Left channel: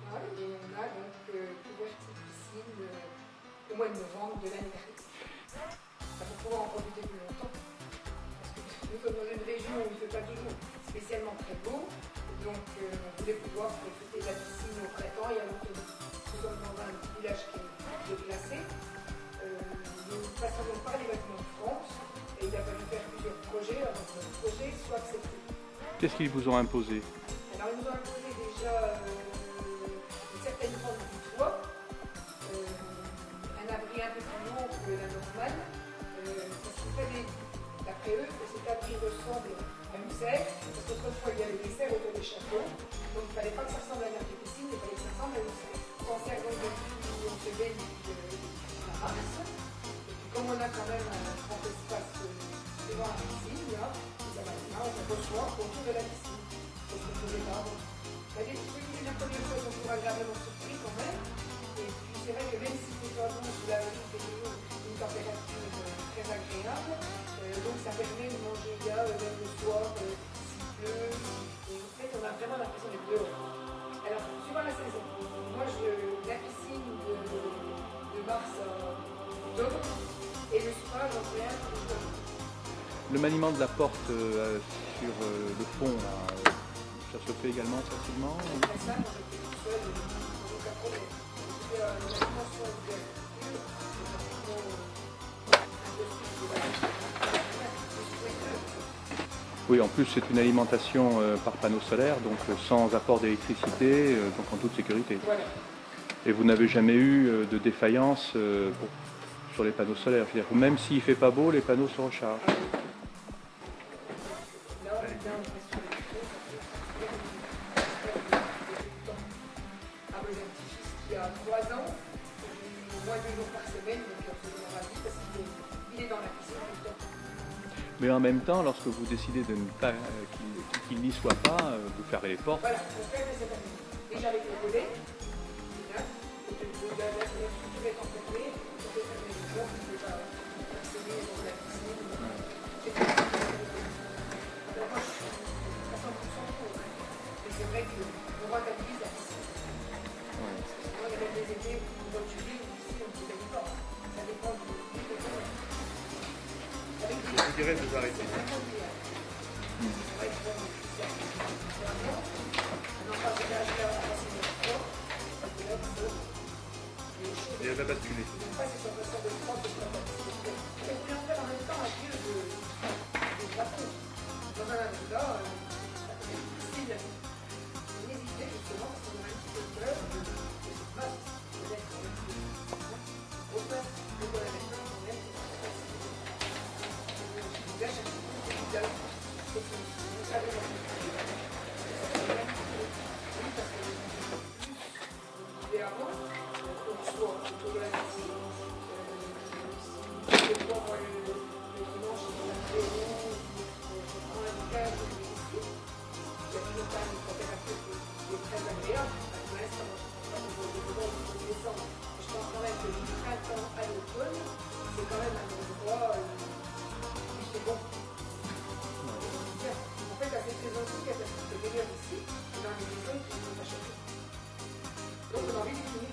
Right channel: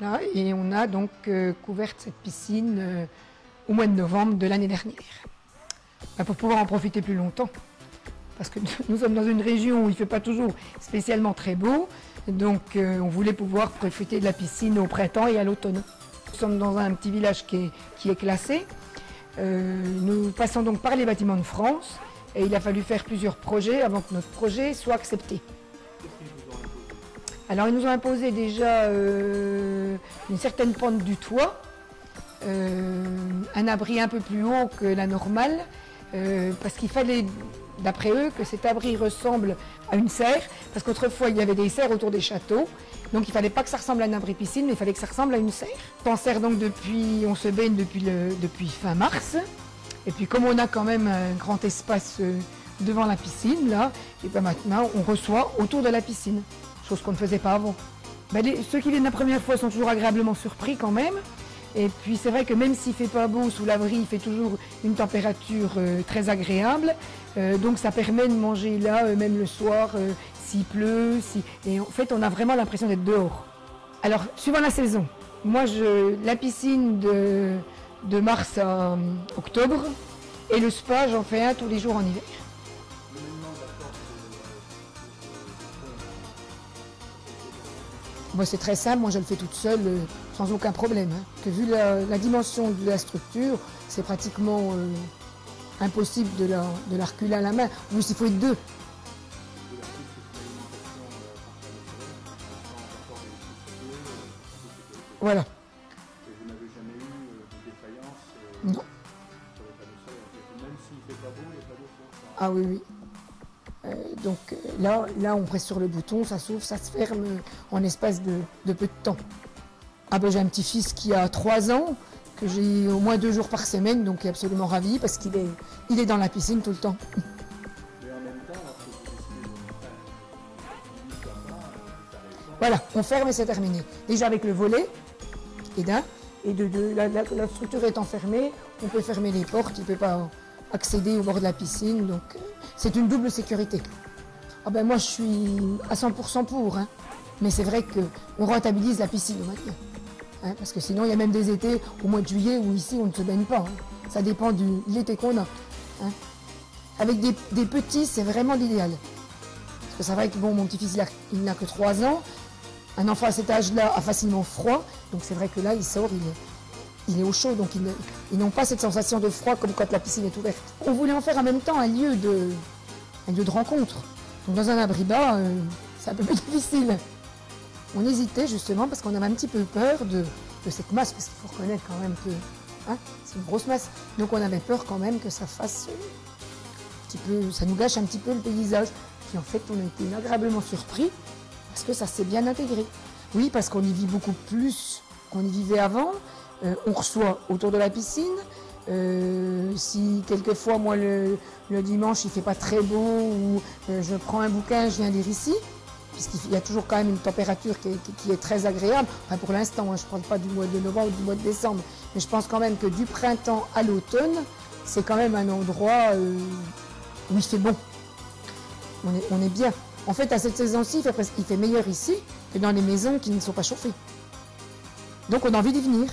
Là, et on a donc couvert cette piscine au mois de novembre de l'année dernière. Pour pouvoir en profiter plus longtemps. Parce que nous sommes dans une région où il ne fait pas toujours spécialement très beau. Donc on voulait pouvoir profiter de la piscine au printemps et à l'automne. Nous sommes dans un petit village qui est classé. Nous passons donc par les bâtiments de France. Et il a fallu faire plusieurs projets avant que notre projet soit accepté. Qu'est-ce qu'ils vous ont imposé? Alors ils nous ont imposé déjà une certaine pente du toit, un abri un peu plus haut que la normale, parce qu'il fallait, d'après eux, que cet abri ressemble à une serre, parce qu'autrefois il y avait des serres autour des châteaux, donc il ne fallait pas que ça ressemble à un abri piscine, mais il fallait que ça ressemble à une serre. On serre donc on se baigne depuis fin mars, et puis comme on a quand même un grand espace devant la piscine, là, et bien maintenant on reçoit autour de la piscine, chose qu'on ne faisait pas avant. Ben, ceux qui viennent la première fois sont toujours agréablement surpris quand même. Et puis c'est vrai que même s'il ne fait pas beau sous l'abri, il fait toujours une température très agréable. Donc ça permet de manger là, même le soir, s'il pleut. Et en fait, on a vraiment l'impression d'être dehors. Alors, suivant la saison, moi, la piscine de mars à octobre et le spa, j'en fais un tous les jours en hiver. Le maniement de la porte sur le pont, ça se fait également facilement? Moi, c'est très simple, moi je le fais toute seule sans aucun problème. Hein. Vu la dimension de la structure, c'est pratiquement impossible de la reculer à la main, ou s'il faut être deux. Oui, en plus c'est une alimentation par panneau solaire, donc sans apport d'électricité, donc en toute sécurité. Voilà. Et vous n'avez jamais eu de défaillance sur les panneaux solaires? C'est-à-dire que même s'il ne fait pas beau, les panneaux se rechargent? Ah oui, oui. Donc là, on presse sur le bouton, ça s'ouvre, ça se ferme en l'espace de peu de temps. Ah ben, j'ai un petit-fils qui a 3 ans, que j'ai au moins 2 jours par semaine, donc il est absolument ravi parce qu'il est dans la piscine tout le temps. Mais en même temps, lorsque vous décidez de ne pas qu'il n'y soit pas, vous fermez les portes. Voilà, on ferme et c'est terminé. Déjà avec le volet, et d'un, et de deux, la structure étant fermée, on peut fermer les portes, on ne peut pas accéder au bord de la piscine. Donc, c'est une double sécurité. Ah ben moi je suis à 100% pour, hein. Mais c'est vrai qu'on rentabilise la piscine maintenant. Hein, parce que sinon il y a même des étés au mois de juillet où ici on ne se baigne pas. Hein. Ça dépend de l'été qu'on a. Hein. Avec des petits, c'est vraiment l'idéal. Parce que c'est vrai que bon, mon petit-fils il n'a que 3 ans. Un enfant à cet âge-là a facilement froid. Donc c'est vrai que là il sort, il est au chaud, donc ils n'ont pas cette sensation de froid comme quand la piscine est ouverte. On voulait en faire en même temps un lieu de rencontre. Donc dans un abri bas, c'est un peu plus difficile. On hésitait justement parce qu'on avait un petit peu peur de cette masse, parce qu'il faut reconnaître quand même que hein, c'est une grosse masse. Donc on avait peur quand même que ça fasse ça nous gâche un petit peu le paysage. Et en fait, on était agréablement surpris parce que ça s'est bien intégré. Oui, parce qu'on y vit beaucoup plus qu'on y vivait avant. On reçoit autour de la piscine. Si quelquefois, moi, le dimanche, il ne fait pas très beau, ou je prends un bouquin, je viens lire ici, puisqu'il y a toujours quand même une température qui est très agréable. Enfin, pour l'instant, je ne parle pas du mois de novembre ou du mois de décembre, mais je pense quand même que du printemps à l'automne, c'est quand même un endroit où il fait bon. On est bien. En fait, à cette saison-ci, il fait meilleur ici que dans les maisons qui ne sont pas chauffées. Donc, on a envie d'y venir.